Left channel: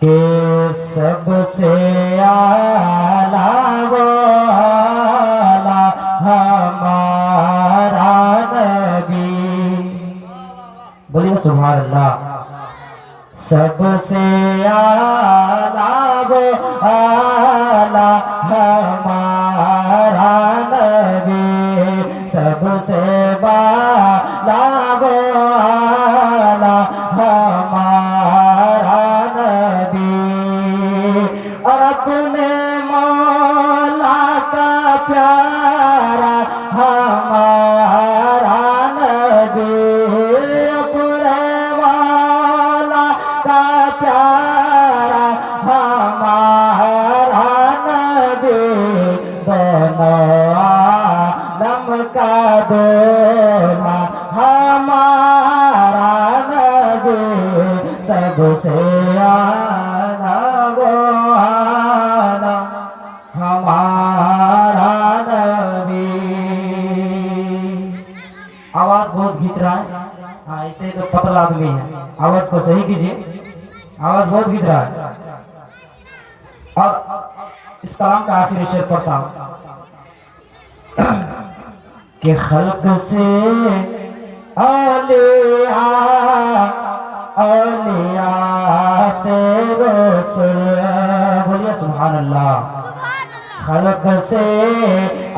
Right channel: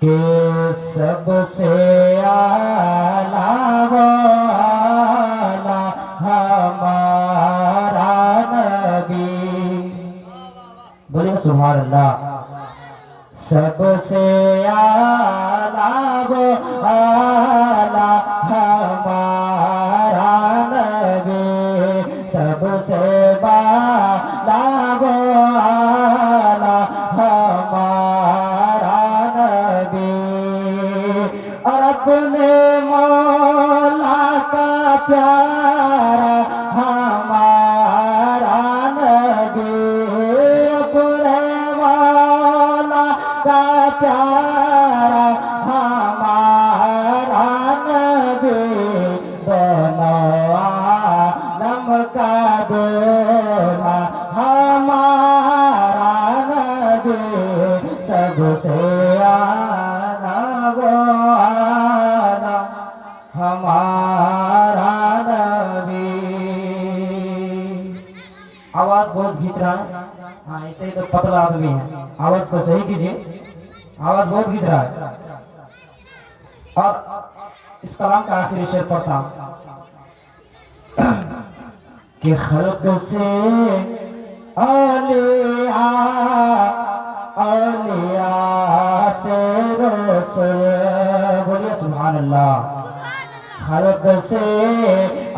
کہ سب سے اعلیٰ والا ہمارا نبی، بولیے سبحان اللہ۔ سب سے اعلیٰ والا ہمارا نبی، سب سے بالا والا ہمارا نبی، اور اپنے مولا کا پیارا ہمارا نبی، اپنے مولا کا پیارا ہمارا نبی، دونوں عالم کا دولا ہمارا نبی، سب سے اعلیٰ والا ہمارا نبی۔ آواز بہت کھینچ رہا ہے، ہاں اسے تو پتلا آدمی ہے، آواز کو صحیح کیجیے، آواز بہت کھینچ رہا ہے۔ اور اس کلام کا آخری شعر پڑھتا ہوں کہ خلق سے اولیاء، اولیاء سے رسول، بولیے سبحان اللہ۔ خلق سے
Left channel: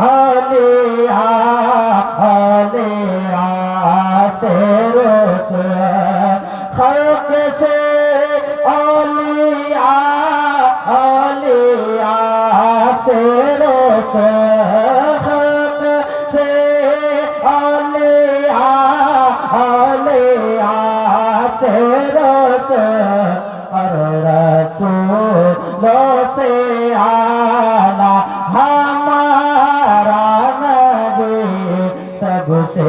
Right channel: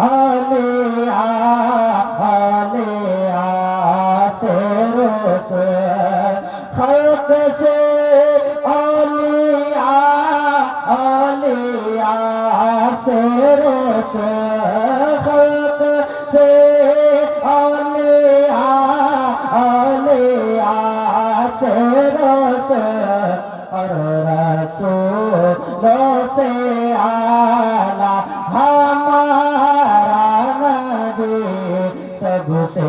اولیاء، اولیاء سے رسول، خلق سے اولیاء، اولیاء سے رسول، خلق سے اولیاء، اولیاء سے رسول، اور رسولوں سے اعلیٰ ہمارا نبی، سب سے